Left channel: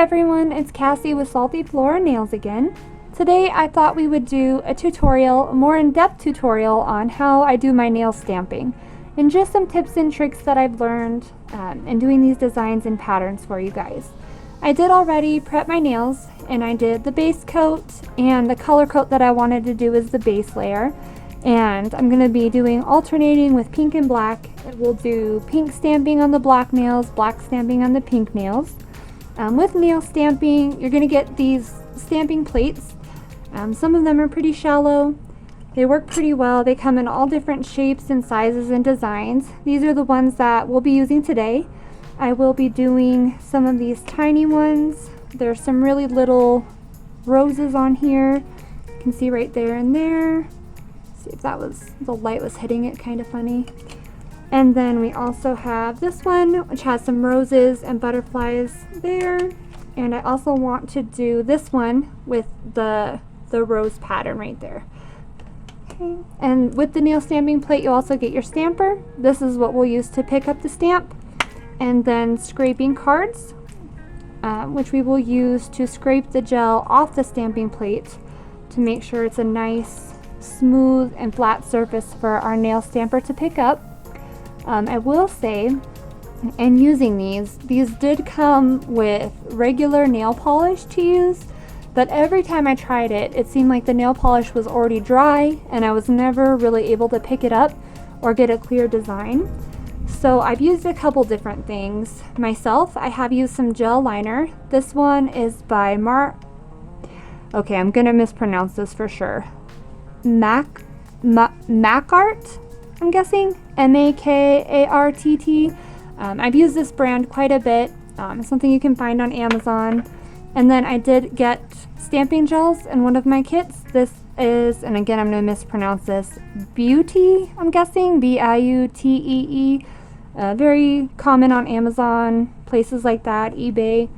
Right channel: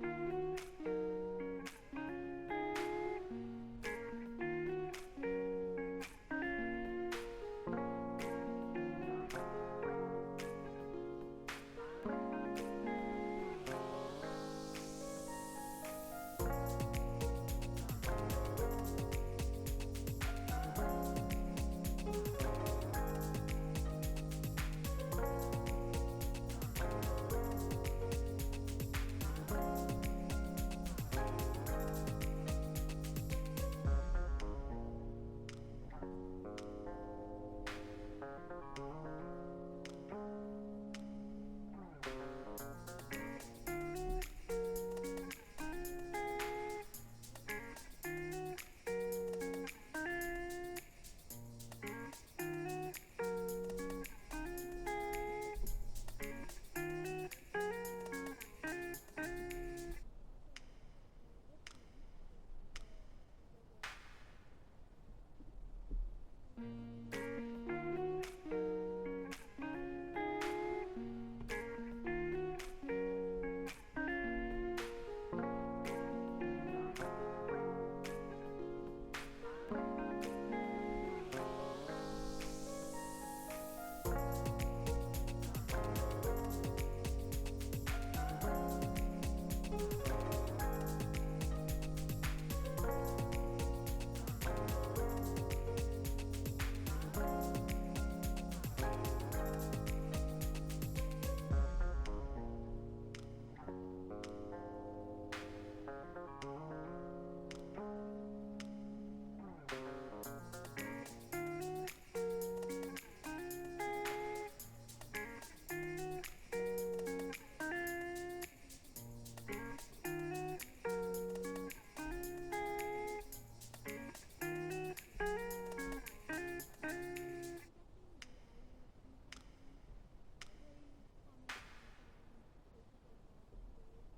everyone, it's Cassie with Salty Flora Nails again. Today I thought we would do a tutorial, a more in-depth tutorial on how I do my nail stamping and just some tips and tricks that I've learned in doing these designs and patterns for you guys. I did already prep my nails and I did the base coat, and the color coat that I wanted to do is the base layer, and I'm going to be doing alternating with pink and black. We'll do pink stamping on the black nails, black stamping on the pink nails. With nail stamping, you're going to get these stamping plates. Some of them are pretty shallow. They work pretty well. They come in all different shapes and sizes and designs. These are the ones that we'll be using today. I will be doing some of these tiny ones. There's some really little roses on here. You can see right there and there. See if that was, the light was hitting it kind of funny. And then we also have this one, which has some roses and butterflies there. And I also want to do this one with the rose pattern right there. Okay. And with the nail stamping plate, you also get your stamper. This is what we'll use to pick up the stamp. And then scraping cards, which we will use to scrape the gel off the stamping plate to make sure it's a nice, smooth, and flat surface for our nail stamper to pick up. I will say, in using these did come with regular nail polish to use, but every time I tried it, it seemed like the nail polish was already dry and I was never really able to pick it up or get a clear design. So I've used a couple different things. Myself, I have used some gel liner. This one is by okay, I'm gonna mispronounce this for sure. Makart, I'm guessing, M-A-K-A-R-T-T. I've used this brand quite a bit. It's something you can find on Amazon. And then I did get stamping gels in one of my kits. This is, and again I'm going to mispronounce this, Beauty, I'm guessing, B-I-U-T-E-E. Very common on Amazon, places like that, eBay.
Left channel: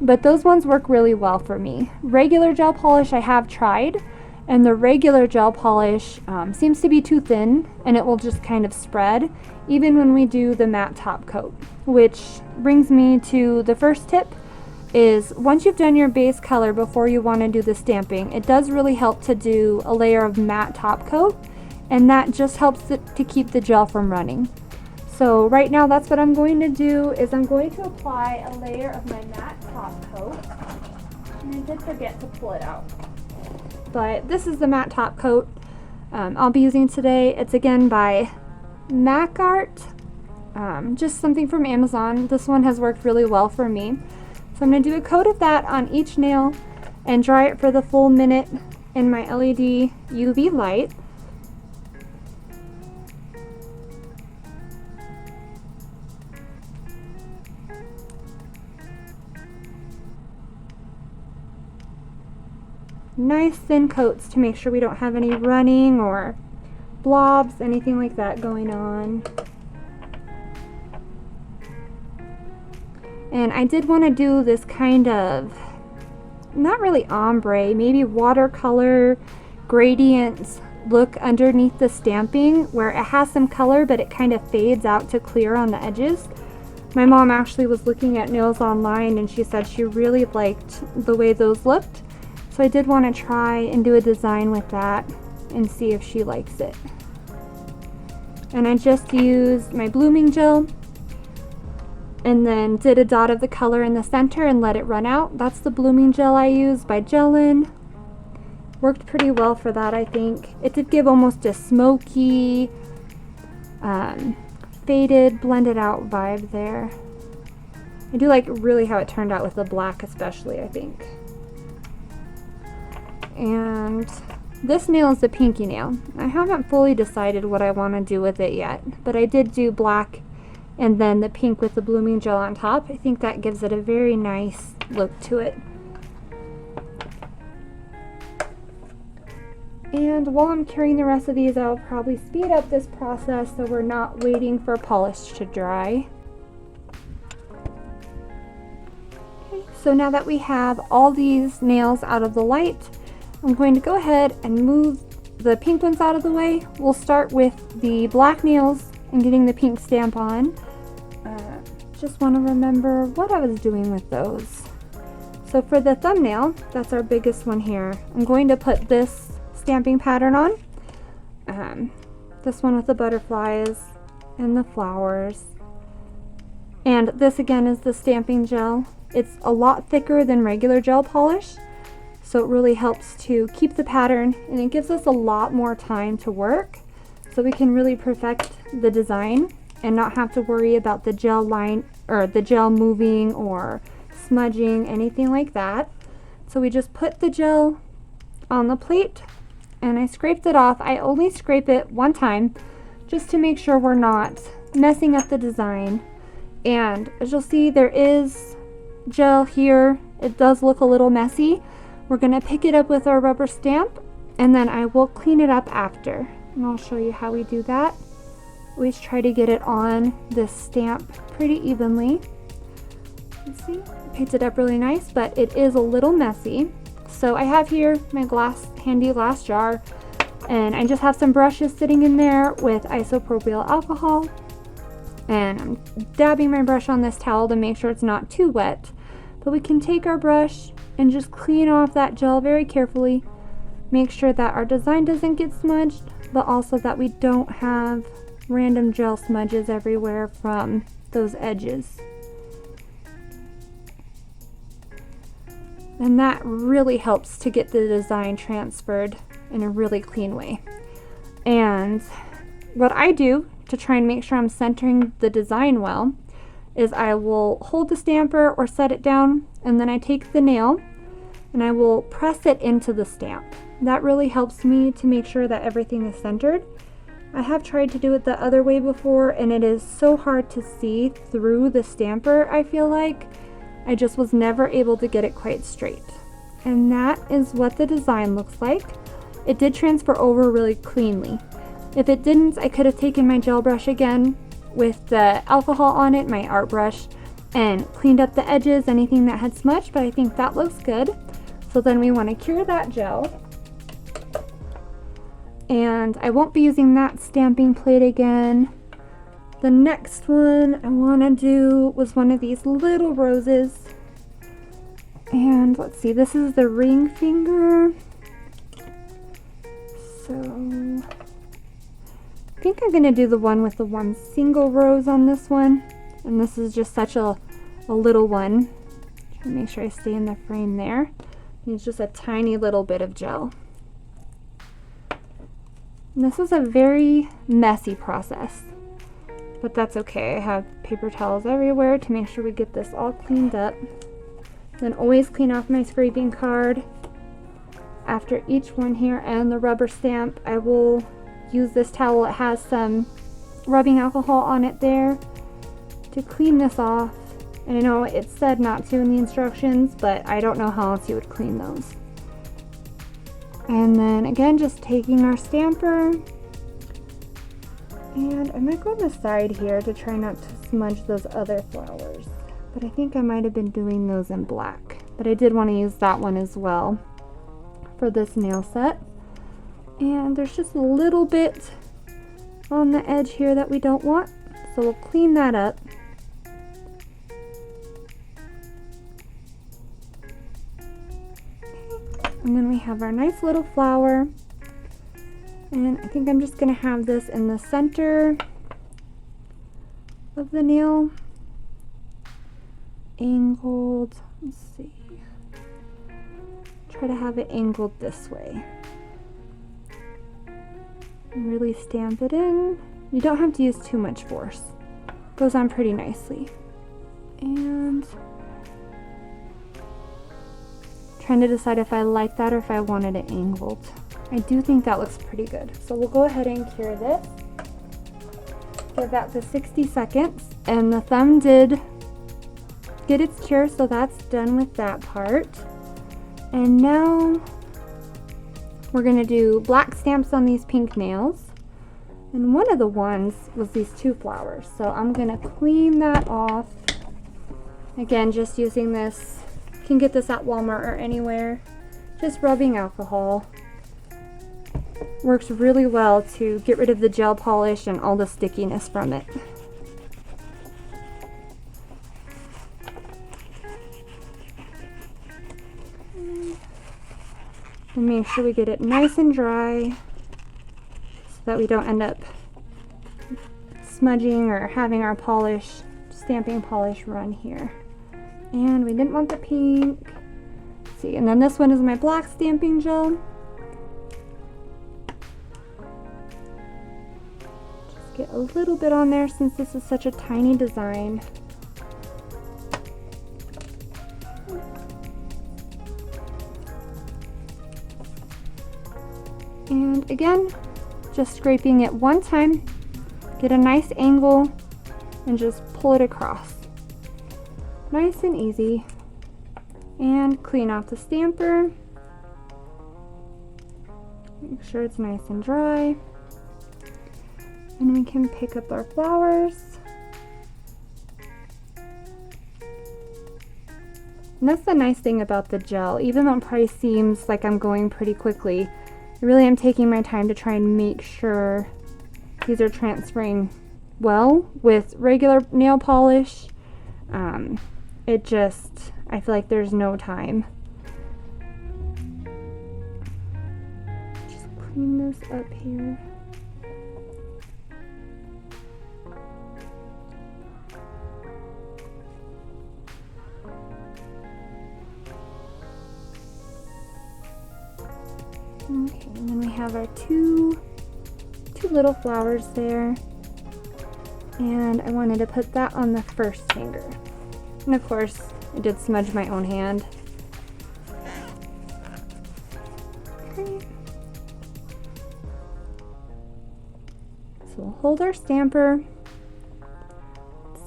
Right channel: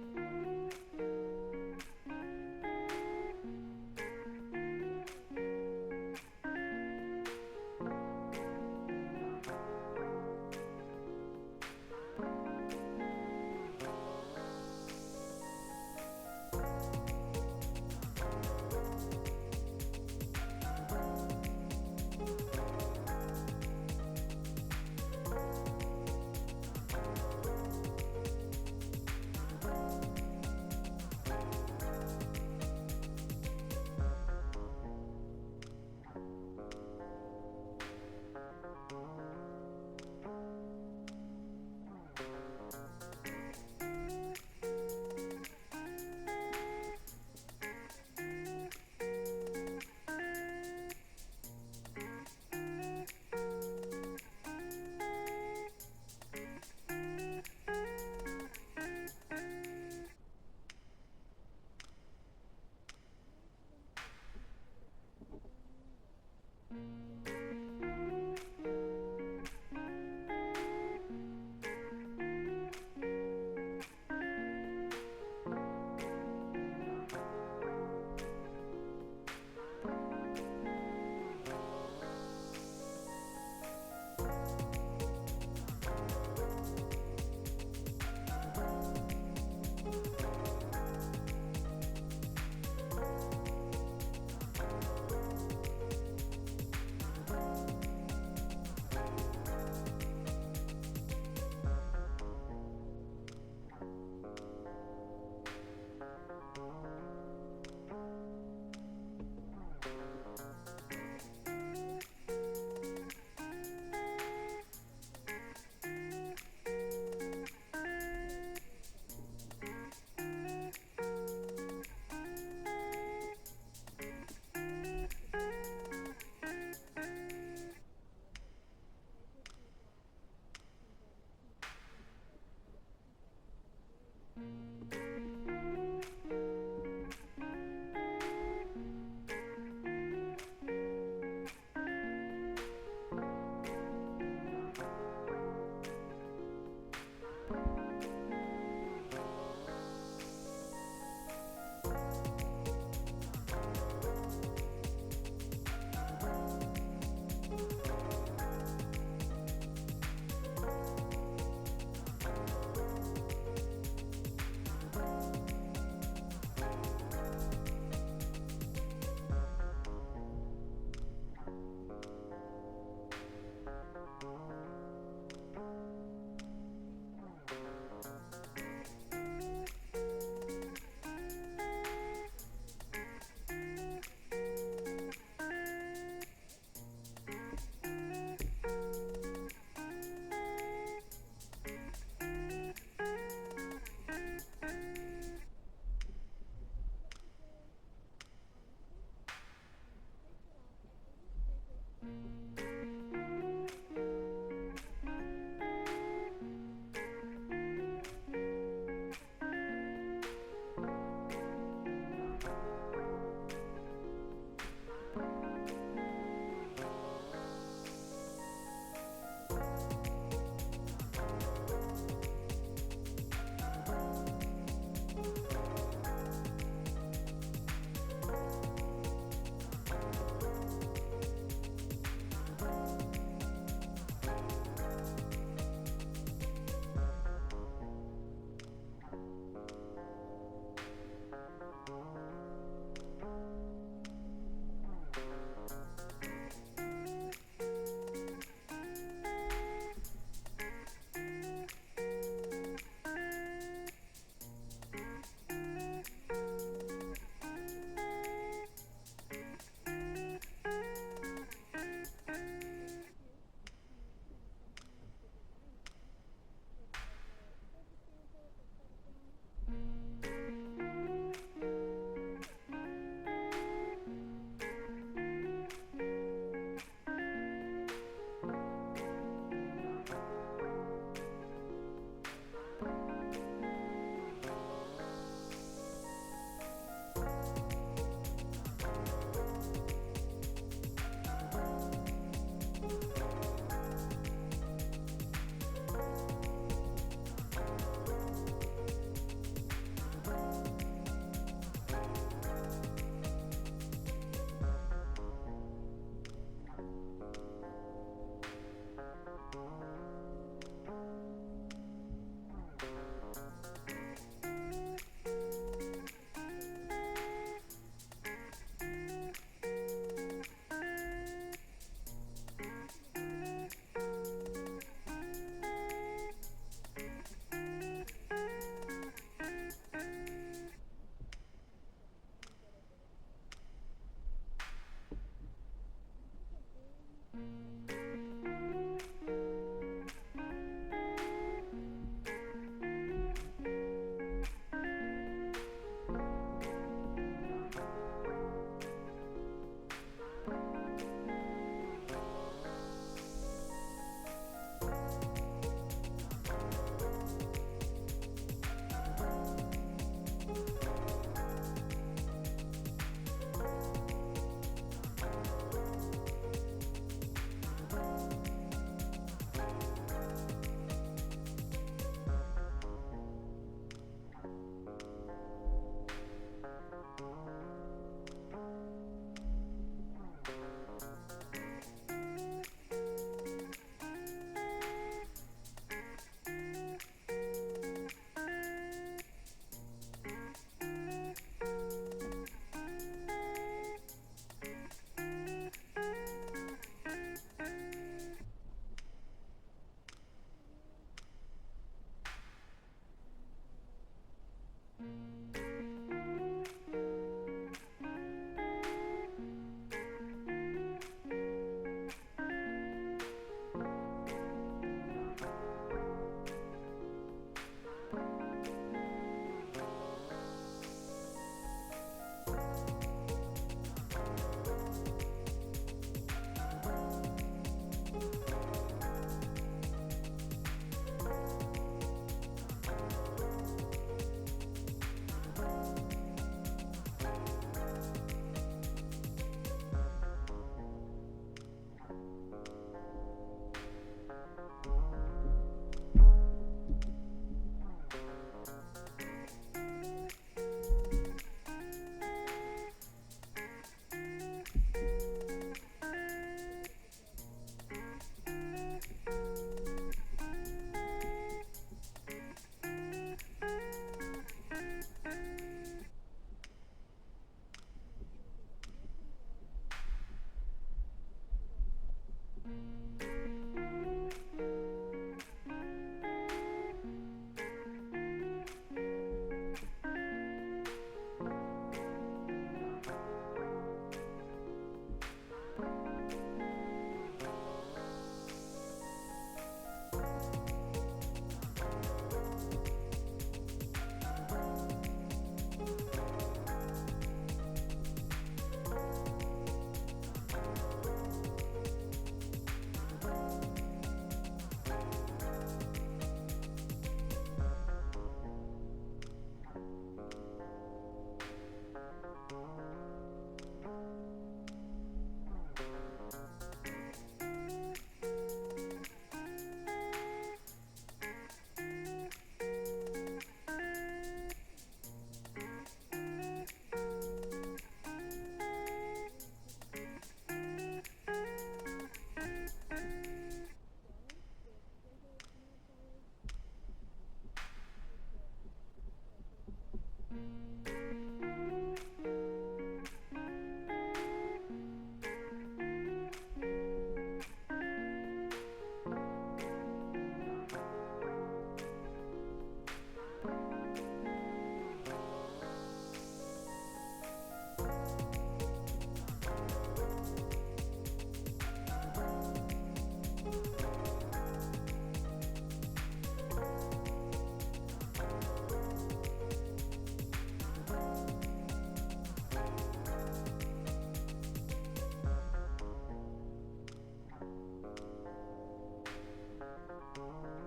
But those ones work really well for me. Regular gel polish I have tried, and the regular gel polish seems to be too thin and it will just kind of spread even when we do the matte top coat. Which brings me to the first tip, is once you've done your base color before you want to do the stamping, it does really help to do a layer of matte top coat, and that just helps to keep the gel from running. So right now that's what I'm going to do, is I'm going to apply a layer of my matte top coat, and I did forget to pull it out. But this is the matte top coat I'll be using today. It's again by Makart, just something from Amazon. This one has worked really well for me. So I'm going to do a coat of that on each nail and dry it for the full minute in my LED UV light. Nice thin coats to make sure we don't have any running or blobs, anything like that going on. And I did want to do this kind of, not really ombre, maybe watercolor gradients look underneath the stamping, where it has some color but it kind of fades out to clear on the edges. My mom actually was looking at nails online and she said she really liked the way those looked. So I did want to try and do a design with that and see if she likes it. And I just used my blooming gel and then did a dot of the color in the center and let it run out. That's the blooming gel I used by Gelin. Worked pretty well for that, I think. It did give almost a smoky, faded, blended out vibe there. I do like really how it turned out with the black especially, I think. And this nail is the pinky nail. I haven't fully decided what I want to do with it yet, but I did do black and then the pink with the blooming gel on top. I think that gives it a very nice look to it. And while I'm curing the rest of these, I'll probably speed up this process so we're not waiting for polish to dry. So now that we have all these nails out of the light, I'm going to go ahead and move the pink ones out of the way. We'll start with the black nails and getting the pink stamp on. Just want to remember what I was doing with those. So for the thumbnail, that's our biggest one here. I'm going to put this stamping pattern on. This one with the butterflies and the flowers. And this again is the stamping gel. It's a lot thicker than regular gel polish, so it really helps to keep the pattern, and it gives us a lot more time to work so we can really perfect the design and not have to worry about the gel line or the gel moving or smudging, anything like that. So we just put the gel on the plate and I scraped it off. I only scrape it one time just to make sure we're not messing up the design. And as you'll see, there is gel here. It does look a little messy. We're gonna pick it up with our rubber stamp and then I will clean it up after. And I'll show you how we do that. Always try to get it on this stamp pretty evenly. You see, picked it up really nice, but it is a little messy. So I have here my handy glass jar, and I just have some brushes sitting in there with isopropyl alcohol. And I'm dabbing my brush on this towel to make sure it's not too wet. But we can take our brush and just clean off that gel very carefully. Make sure that our design doesn't get smudged, but also that we don't have random gel smudges everywhere from those edges. And that really helps to get the design transferred in a really clean way. And what I do to try and make sure I'm centering the design well is I will hold the stamper or set it down, and then I take the nail and I will press it into the stamp. That really helps me to make sure that everything is centered. I have tried to do it the other way before, and it is so hard to see through the stamper, I feel like. I just was never able to get it quite straight. And that is what the design looks like. It did transfer over really cleanly. If it didn't, I could have taken my gel brush again with the alcohol on it, my art brush, and cleaned up the edges, anything that had smudged, but I think that looks good. So then we want to cure that gel. And I won't be using that stamping plate again. The next one I want to do was one of these little roses. And let's see, this is the ring finger. So I think I'm going to do the one with the one single rose on this one. And this is just such a little one. Try to make sure I stay in the frame there. It's just a tiny little bit of gel. And this is a very messy process, but that's okay. I have paper towels everywhere to make sure we get this all cleaned up. Then always clean off my scraping card after each one here, and the rubber stamp. I will use this towel. It has some rubbing alcohol on it there to clean this off. And I know it said not to in the instructions, but I don't know how else you would clean those. And then again, just taking our stamper, and I might go on the side here to try not to smudge those other flowers, but I think I might have been doing those in black, but I did want to use that one as well for this nail set. And there's just a little bit on the edge here that we don't want, so we'll clean that up. And then we have our nice little flower. And I think I'm just going to have this in the center of the nail. Angled. Let's see. Try to have it angled this way. And really stamp it in. You don't have to use too much force. It goes on pretty nicely. And trying to decide if I like that or if I wanted it angled. I do think that looks pretty good. So we'll go ahead and cure this. Give that for 60 seconds. And the thumb did get its cure, so that's done with that part. And now we're gonna do black stamps on these pink nails. And one of the ones was these two flowers. So I'm gonna clean that off. Again, just using this. You can get this at Walmart or anywhere. Just rubbing alcohol. Works really well to get rid of the gel polish and all the stickiness from it. And make sure we get it nice and dry so that we don't end up smudging or having our polish, stamping polish run here. And we didn't want the pink. Let's see, and then this one is my black stamping gel. Just get a little bit on there since this is such a tiny design. And again, just scraping it one time, get a nice angle, and just pull it across. Nice and easy. And clean off the stamper. Make sure it's nice and dry. And we can pick up our flowers. And that's the nice thing about the gel. Even though it probably seems like I'm going pretty quickly, I really am taking my time to try and make sure these are transferring well with regular nail polish. I feel like there's no time. Just clean this up here. Okay, and then we have our two little flowers there. And I wanted to put that on the first finger. And of course, I did smudge my own hand. Okay. So we'll hold our stamper.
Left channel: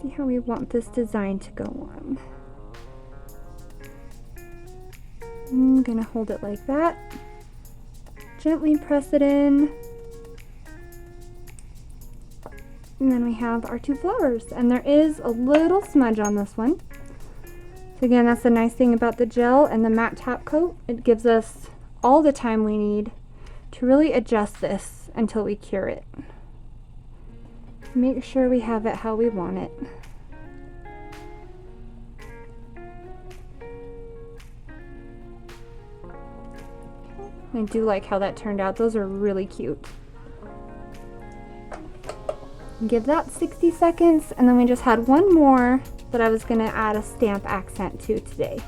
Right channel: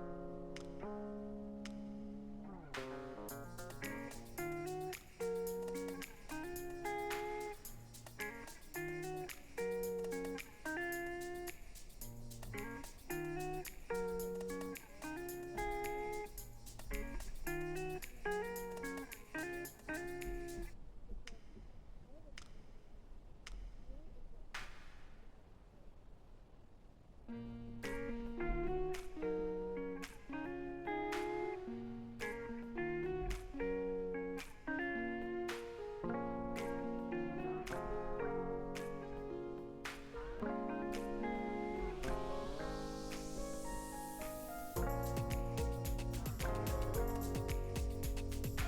See how we want this design to go on. I'm gonna hold it like that. Gently press it in. And then we have our two flowers, and there is a little smudge on this one. So again, that's the nice thing about the gel and the matte top coat. It gives us all the time we need to really adjust this until we cure it. Make sure we have it how we want it. I do like how that turned out. Those are really cute. Give that 60 seconds, and then we just had one more that I was going to add a stamp accent to today.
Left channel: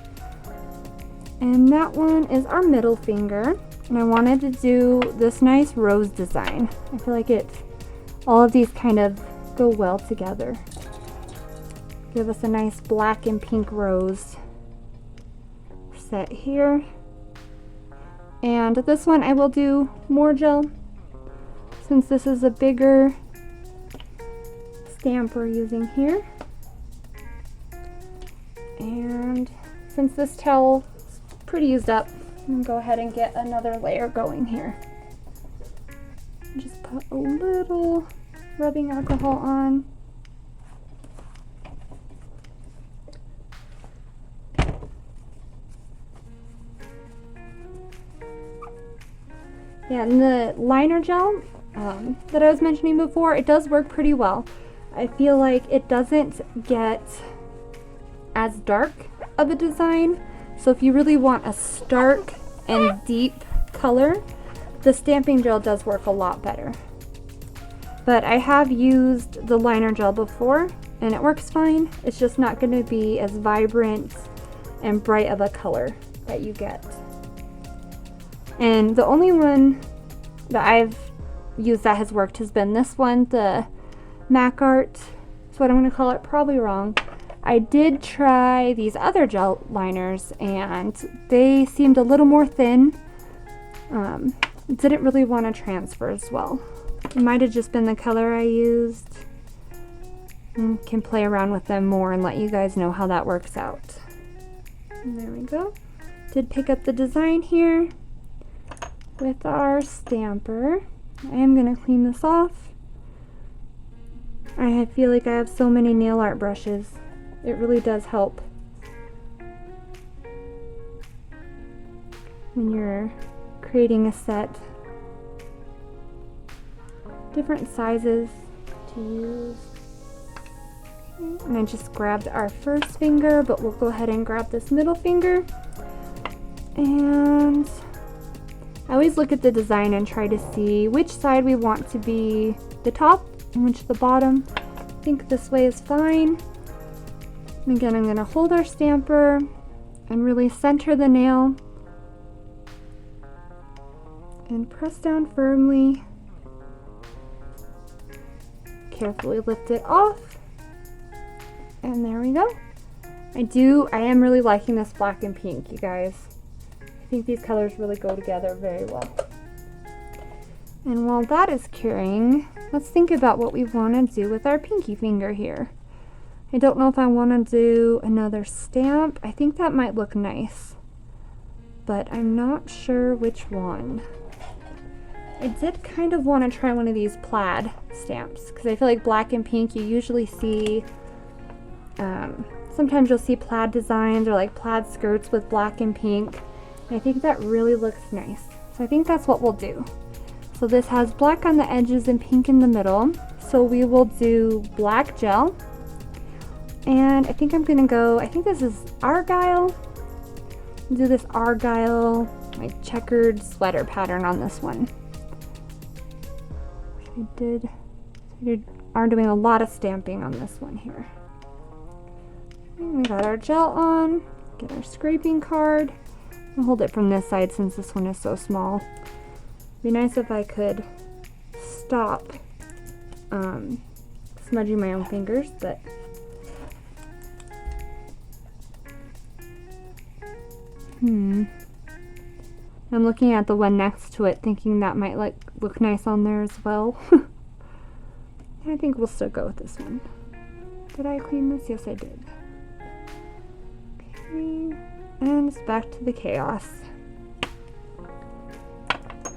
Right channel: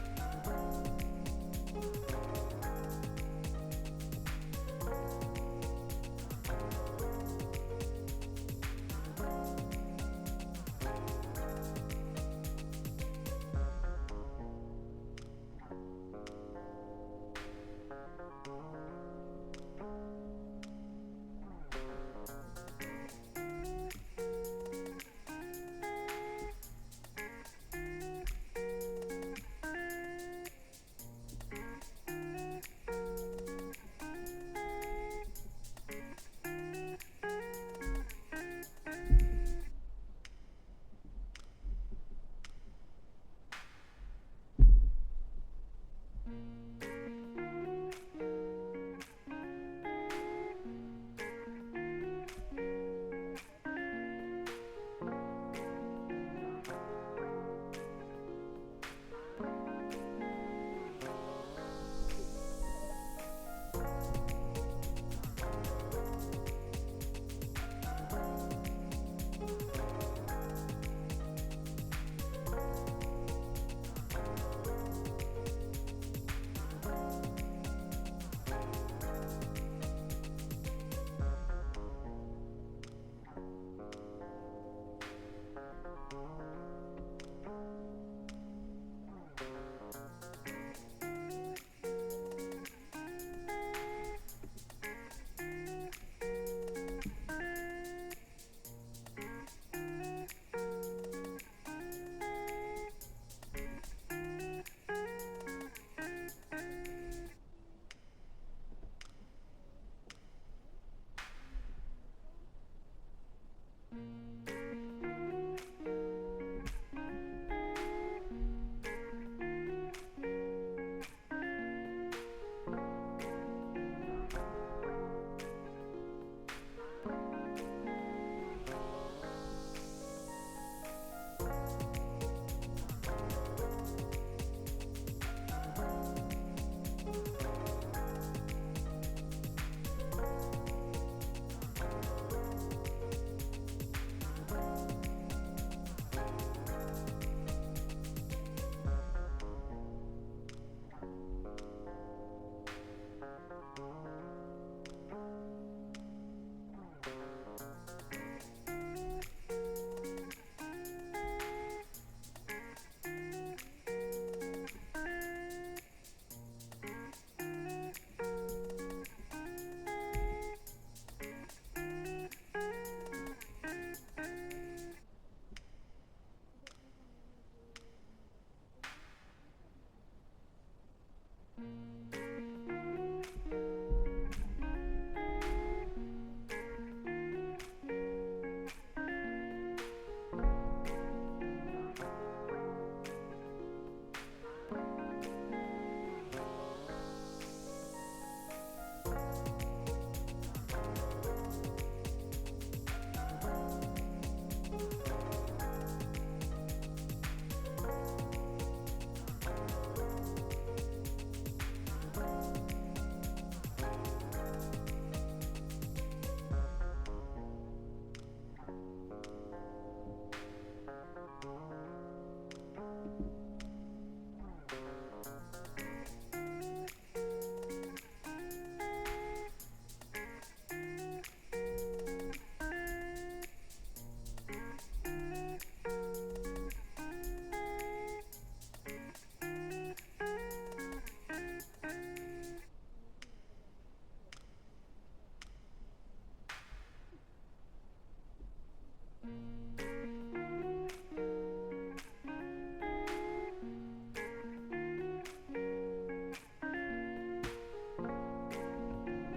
And that one is our middle finger, and I wanted to do this nice rose design. I feel like all of these kind of go well together. Give us a nice black and pink rose set here. And this one I will do more gel since this is a bigger stamp we're using here. And since this towel is pretty used up, I'm gonna go ahead and get another layer going here. Just put a little rubbing alcohol on. Yeah, and the liner gel that I was mentioning before, it does work pretty well. I feel like it doesn't get as dark of a design. So if you really want a stark and deep color, the stamping gel does work a lot better. But I have used the liner gel before and it works fine. It's just not going to be as vibrant and bright of a color that you get. And the only one that I've used that has worked has been this one, the Mac Art. That's what I'm going to call it, probably wrong. I did try these other gel liners and they seemed a little more thin. Didn't really want to transfer as well. It might have just been the color I used. Can play around with them more and let you guys know how that works out. And there we go. Did pick up the design here with our stamper. I am going to clean this off. I feel like I have so many nail art brushes. It really does help when you're creating a set. Different sizes to use. And I just grabbed our first finger, but we'll go ahead and grab this middle finger. And I always look at the design and try to see which side we want to be the top and which the bottom. I think this way is fine. And again, I'm going to hold our stamper and really center the nail and press down firmly. Carefully lift it off. And there we go. I am really liking this black and pink, you guys. I think these colors really go together very well. And while that is curing, let's think about what we want to do with our pinky finger here. I don't know if I want to do another stamp. I think that might look nice, but I'm not sure which one. I did kind of want to try one of these plaid stamps because I feel like black and pink you usually see, sometimes you'll see plaid designs or like plaid skirts with black and pink. I think that really looks nice. So I think that's what we'll do. So this has black on the edges and pink in the middle. So we will do black gel. And I think I'm gonna go, I think this is Argyle. Do this Argyle, like checkered sweater pattern on this one. We are doing a lot of stamping on this one here. And we got our gel on, get our scraping card. I'll hold it from this side since this one is so small. It'd be nice if I could stop smudging my own fingers, but I'm looking at the one next to it thinking that might look nice on there as well. I think we'll still go with this one. Did I clean this? Yes, I did. Okay. And it's back to the chaos.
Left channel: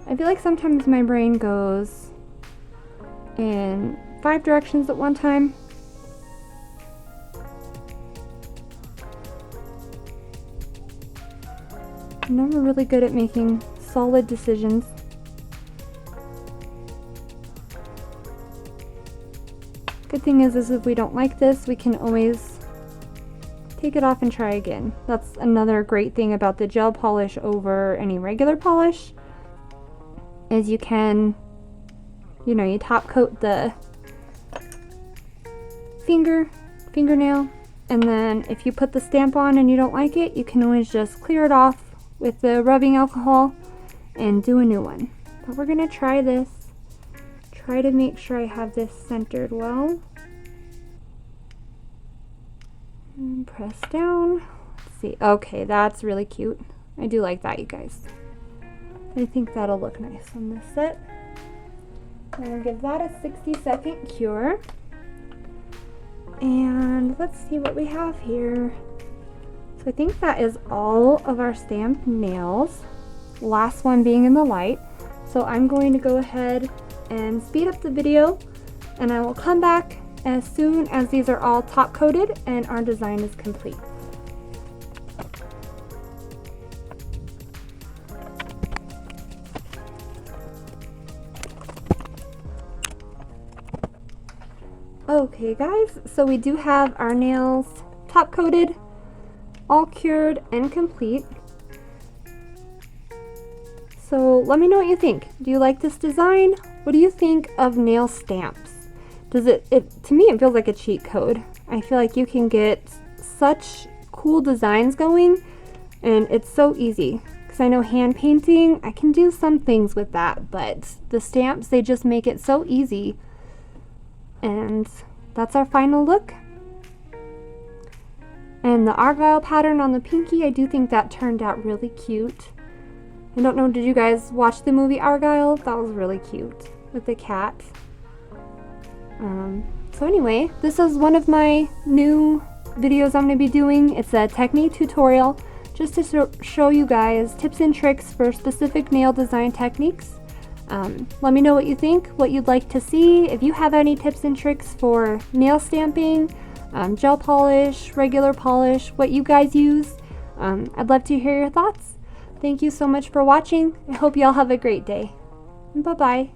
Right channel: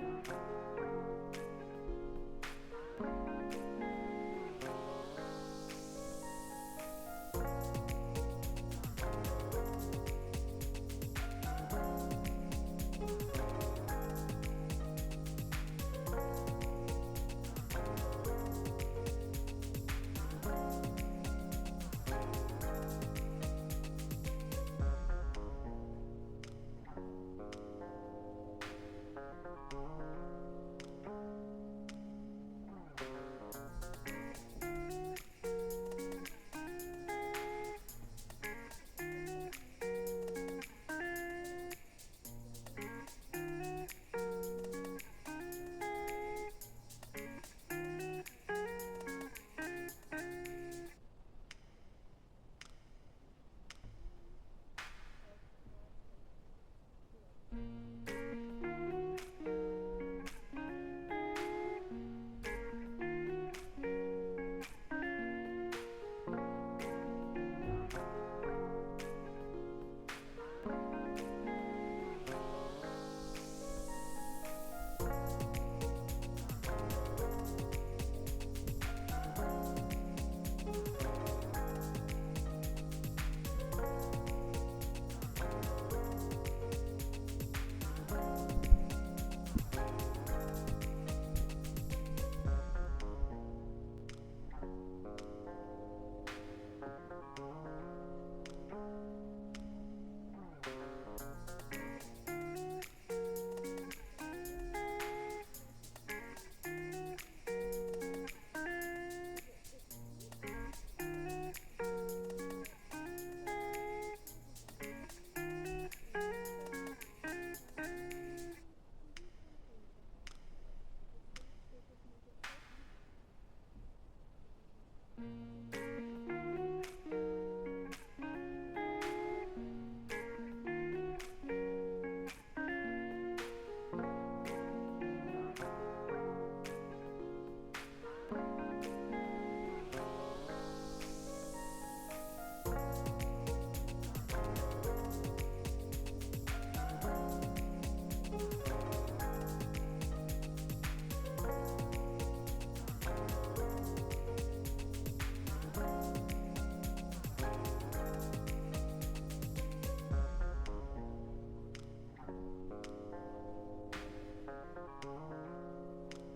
I feel like sometimes my brain goes in 5 directions at one time. I'm never really good at making solid decisions. Good thing is if we don't like this, we can always take it off and try again. That's another great thing about the gel polish over any regular polish, is you can, you top coat the fingernail, and then if you put the stamp on and you don't like it, you can always just clear it off with the rubbing alcohol and do a new one. But we're gonna try this. Try to make sure I have this centered well. And press down. Let's see. Okay, that's really cute. I do like that, you guys. I think that'll look nice on this set. I'm gonna give that a 60-second cure. And let's see what we have here. So I think that is all of our stamped nails. Last one being in the light. So I'm going to go ahead and speed up the video, and I will come back as soon as these are all top coated and our design is complete. Okay guys, so we do have our nails top coated, all cured and complete. So let me know what you think. Do you like this design? What do you think of nail stamps? To me it feels like a cheat code. I feel like you can get such cool designs going, and it's so easy. Because I know hand painting, I can do some things with that, but the stamps, they just make it so easy. And that's our final look. And the Argyle pattern on the pinky, I do think that turned out really cute. I don't know, did you guys watch the movie Argyle? That was really cute with the cat. So anyway, this is one of my new videos I'm going to be doing. It's a technique tutorial just to show you guys tips and tricks for specific nail design techniques. Let me know what you think, what you'd like to see. If you have any tips and tricks for nail stamping, gel polish, regular polish, what you guys use, I'd love to hear your thoughts. Thank you so much for watching. I hope you all have a great day. Bye-bye.